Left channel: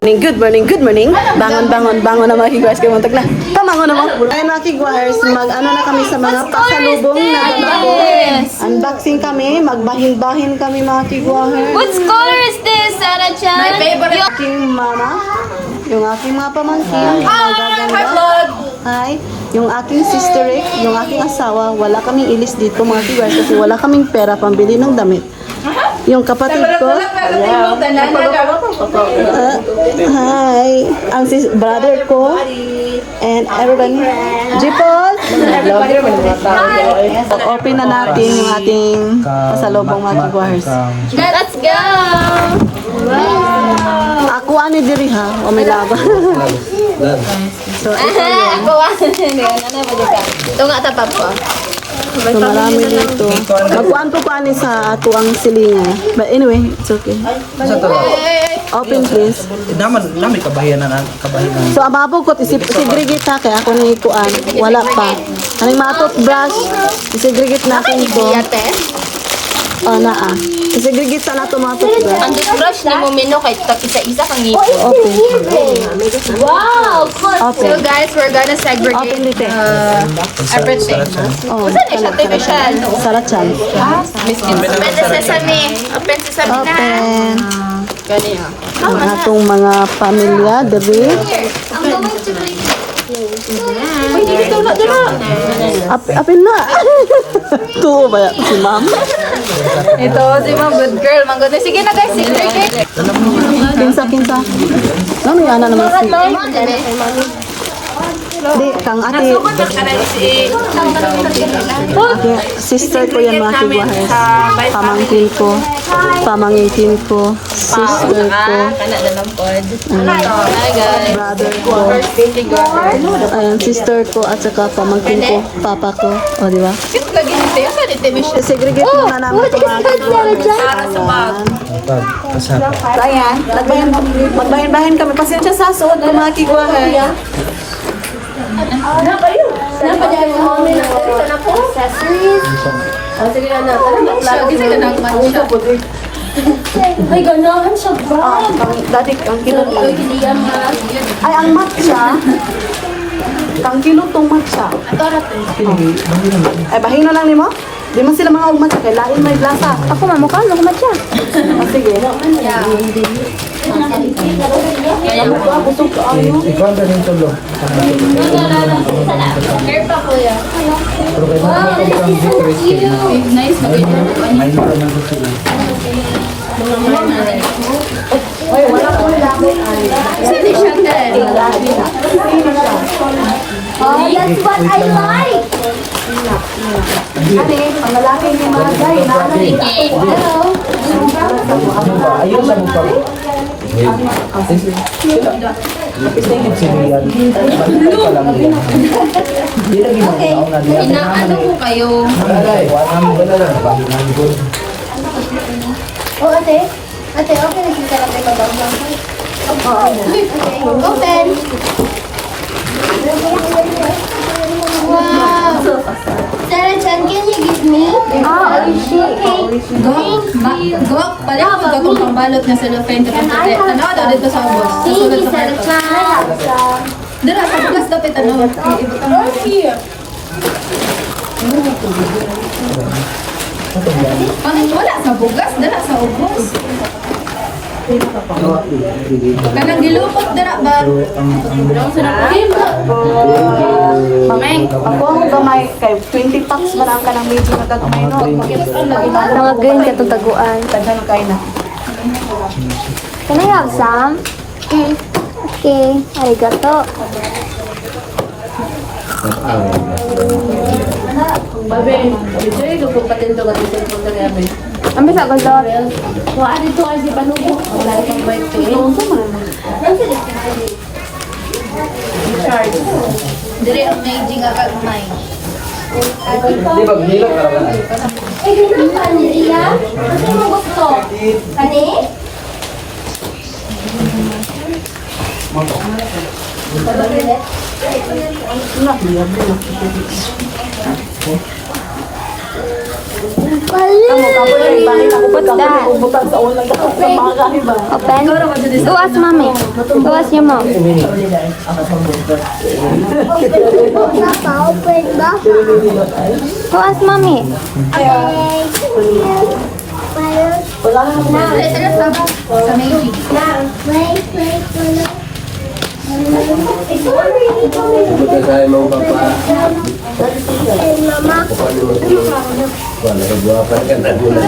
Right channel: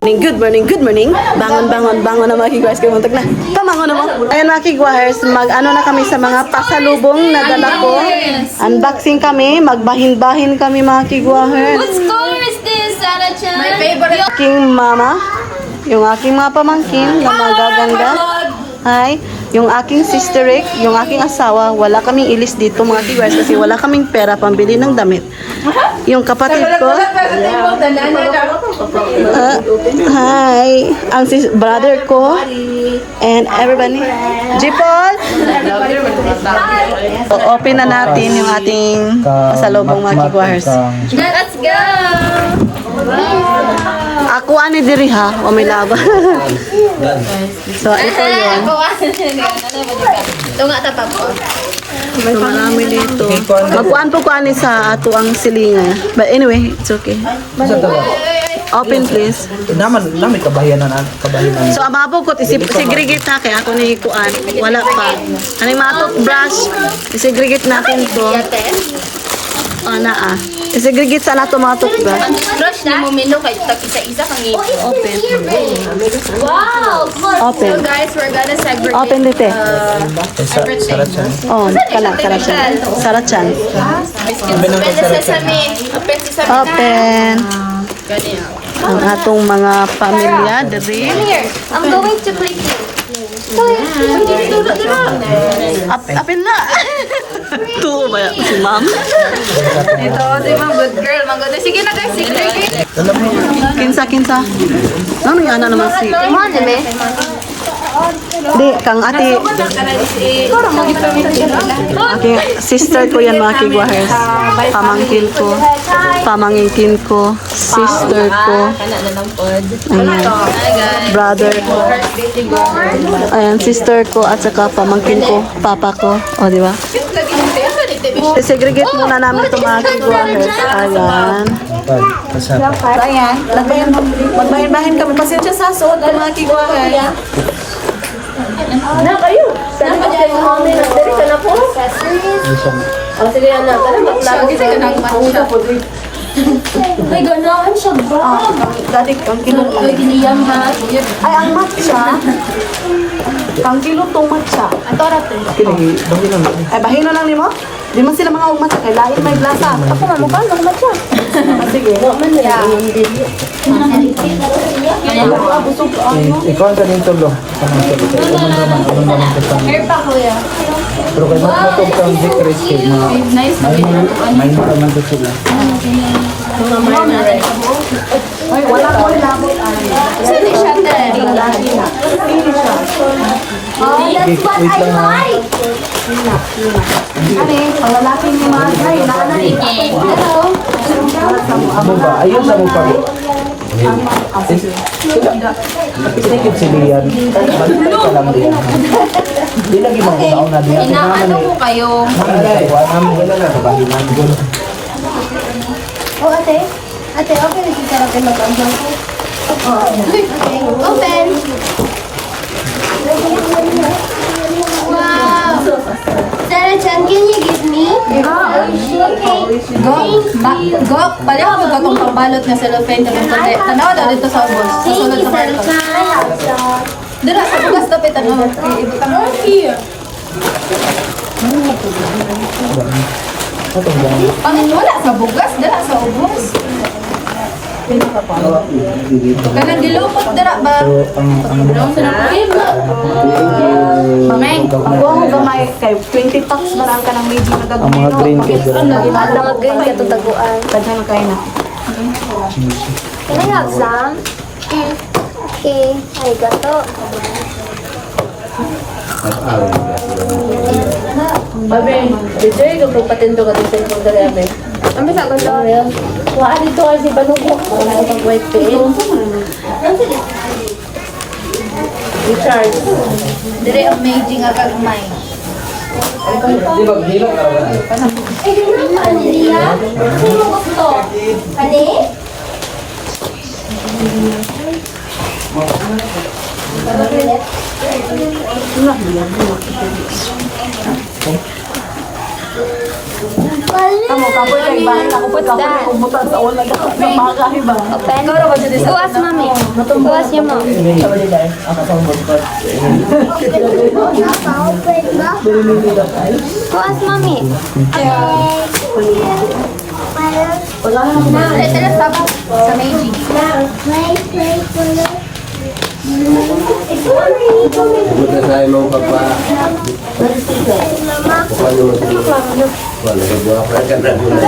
Good morning, good morning. Bangon na mga kigwahers kayo muntag na. Tamangon na mo. Ayan mga kigwahers, mag-ano na kami sa mga pasalubong na dala ko. Unboxing kami, magbahin-bahin kami mga kigwahers. What color is this, Sarah-chan? My favorite. Aking mama, yung aking mga pamangkin na magaganda. Hi, yung aking sister Rick, yung aking asawa, wala kaming ilis dito mga kigwahers kasi wala kaming pera pambili ng damit. Yung kapatid ko, hi, ang brother ko, and everybody. Jipol! Open na natin yung ating pasalubong mga kigwahers. Let's go! Ako ani diri ha, o may laba. So ito yun. Ito nga tapag ko. So marami dito. Magkuan po ko ani sa ato ang silinga. But anyway, it's okay. Open please. Naman kabayan na. So ababo ko isigregate ha kay ako ni kuan. Wala pa. Kaning mga toothbrush, isigregate natin to. Oh naa. Isigregate sa nato mga toothbrush. Brush na mo meno kay isa-isa kang ngipon. Open. Wow! Open. So guys, we're gonna segregate Open dito. everything. Oh, kana sarachan. Sarachan. Open na sesame. Open sesame na. Open. Ganyan. Ang atong mga pamilya diri. Here, I'm going to play. Apin na. Tuo ba si ma'am? Ito, si mga good girl. Maganda. Sige na guys, segregate. Kinsa. Ano yana naman si? Di, kang ate. Ate, sister ko yan mga kigwahers. Pamangkin ko, sister ko. Ayan, brother ko. Ayan, sister ko at saka pamangkin ko, papa ko. O, di ba? Segregate muna namin itong mga kigwahers. Ayan. So, ayan, magbahin-bahin kami. Pasensya sa suot ng mga kigwahers. Ay, ganahan siya ba? Dati, ang kilot. Ay, kiniyam ha. Ay, ang matcha. Kang kilot tong matcha. Ay, bahino lang nimo? Di man sila mga ugmat kay lain may glasa. Sige. Alam ba, busog ka ayo. Ikaw ang galing ito bro. Wow, this is so cute. Nice na Ay, wala ko labot ani. Sino siya talaga? Oh, that's what I like. Ani, pangalaki ni mga gay, nanay. Hello. Okay. Inaano mo kayo? Oh, ate. Ate, open na si Sarah tayo mag-open. Open. Wow. Sarah-chan, can you give me? Go, pala ko gatong pambalot nga cellophane ka ng taklit. Tanaw daw dito sa ubos. Susunod sa karton. Dira sa bugas dapat tanaw. Here. Pang wala sa bugas, dira sa ubos. Kanang gilupot dira ba? Dira sa napakil. Mameng, ako ang gamay kay 20 packs man ang kanang medyo nagagmay no. Pag-inadaw ko kay tutaguan. Tadhan kay na. Can I have some? Okay. Arigato. Ang bisa ko to. Wa dito ay si panuko. Dire amazing ang kamay. Di ba gilak ka ba? Ano niya? Ano gusto? Ade? Kamu kapoy kay bahay na kupit kapoy kay kubutan sa wala ka sa mga kahiba. Tuwas, mami. Tuwas niyo mo. Tuwas, mami. Buta saya mau papa. Wala kay buha pa ka na muna.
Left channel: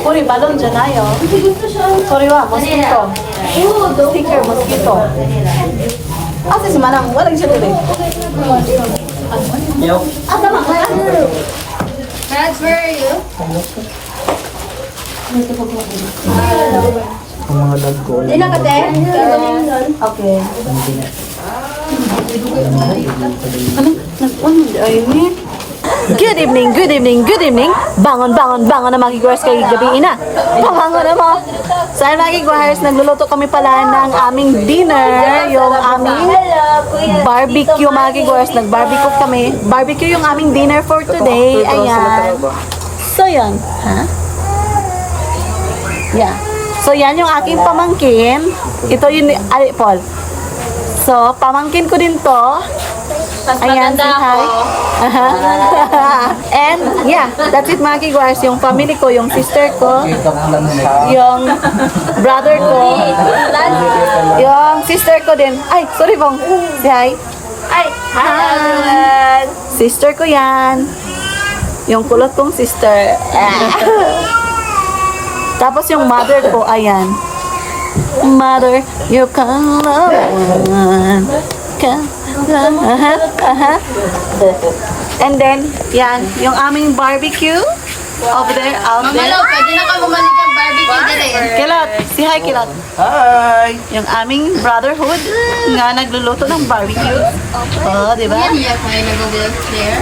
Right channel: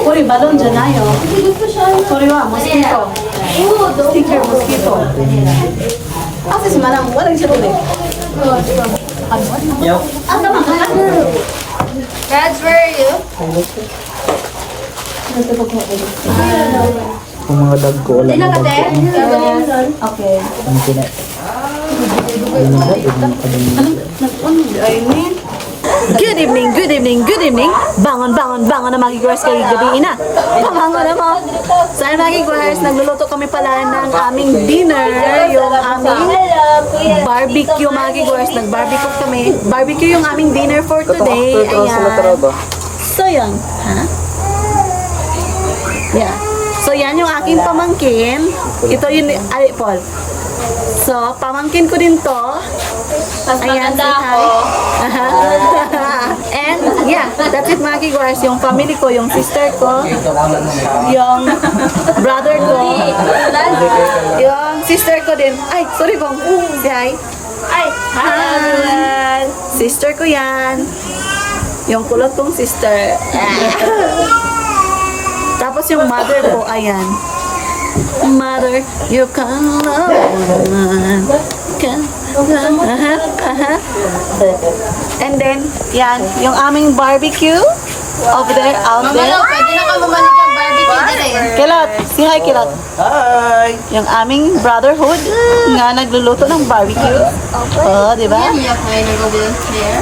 Uri balon dyan ayo. Sorry wa, mosquito. Sticker mosquito. Asa si Manang, wala siya tuloy. That's where you? Ilang ka tayo? Okay. Good evening, good evening, good evening. Bangon, bangon, bangon na magigwars kay gabi na. Pamangon na mo. So ayun magigwars, nagluluto kami pala ng aming dinner, yung aming barbecue magigwars. Nag-barbecue kami. Barbecue yung aming dinner for today. Ayan. So yun. Ha? Yeah. So yan yung aking pamangkin. Ito yun, ay, Paul. So, pamangkin ko din to. Ayan, say hi. And, yeah, that's it mga kigwars. Yung family ko, yung sister ko, yung brother ko, yung sister ko din. Ay, sorry pong. Say hi. Ay, hi. Sister ko yan. Yung kulot kong sister. Tapos yung mother ko, ayan. Mother, you can love one. And then, yan, yung aming barbecue over there, out there. Pwede na kayo bumalik yung barbecue dire. Kilot, si hi Kilot. Hi! Yung aming brotherhood nga nagluluto ng barbecue. Oh, di ba? Iya kayo nag-go here.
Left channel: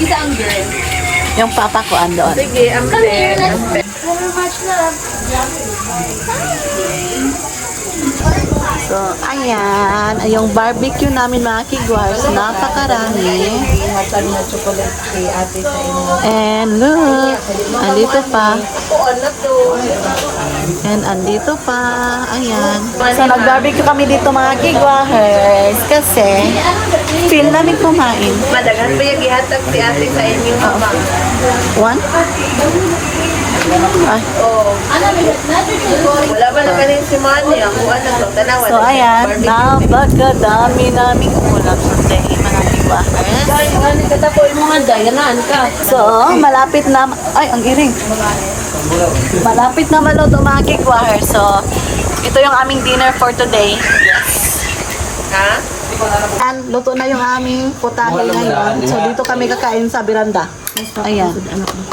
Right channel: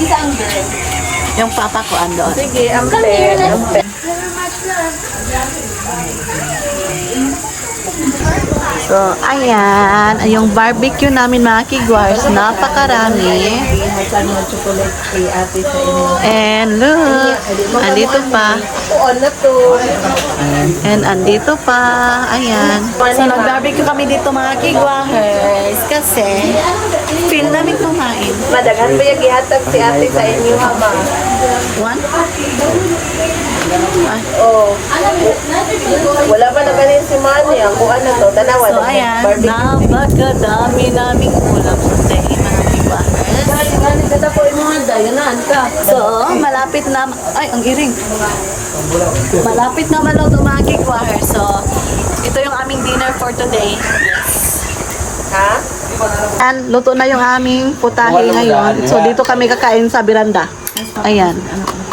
Kita ang girl. Yung papa ko andoon. Sige, ang fair. So, ayan, yung barbecue namin mga kigwars, napakarami. And look, andito pa. And andito pa, ayan. So, nag-barbecue kami dito mga kigwars kasi feel namin kumain. Madaghan ba yung ihatag si ate sa inyo? One? Ay. Wala ba naman yung si Manny? Ako ano to? Tanawa. So, ayan, napakadami naming ulam today, mga kigwars. Katako yung mga dayanan ka. So, malapit na, ay, ang iring. Malapit na maluto mga kigwars. So, ito yung aming dinner for today. Yes. Ha? And luto na yung aming putahe ngayon. So, dito kami kakain sa beranda. Ayan.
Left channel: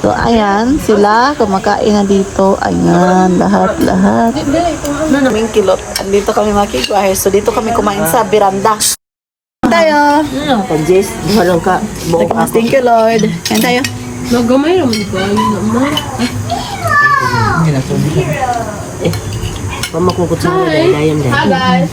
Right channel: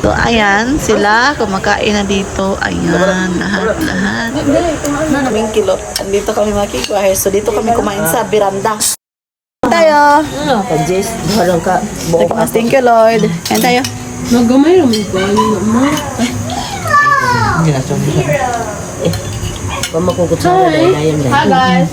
So, ayan, sila kumakain na dito. Ayan, lahat. Naming kilot. Andito kami mga kigwars. So, dito kami kumain sa beranda. Tayo. Thank you, Lord. Ayan tayo. Nagamay naman ba? Hi guys.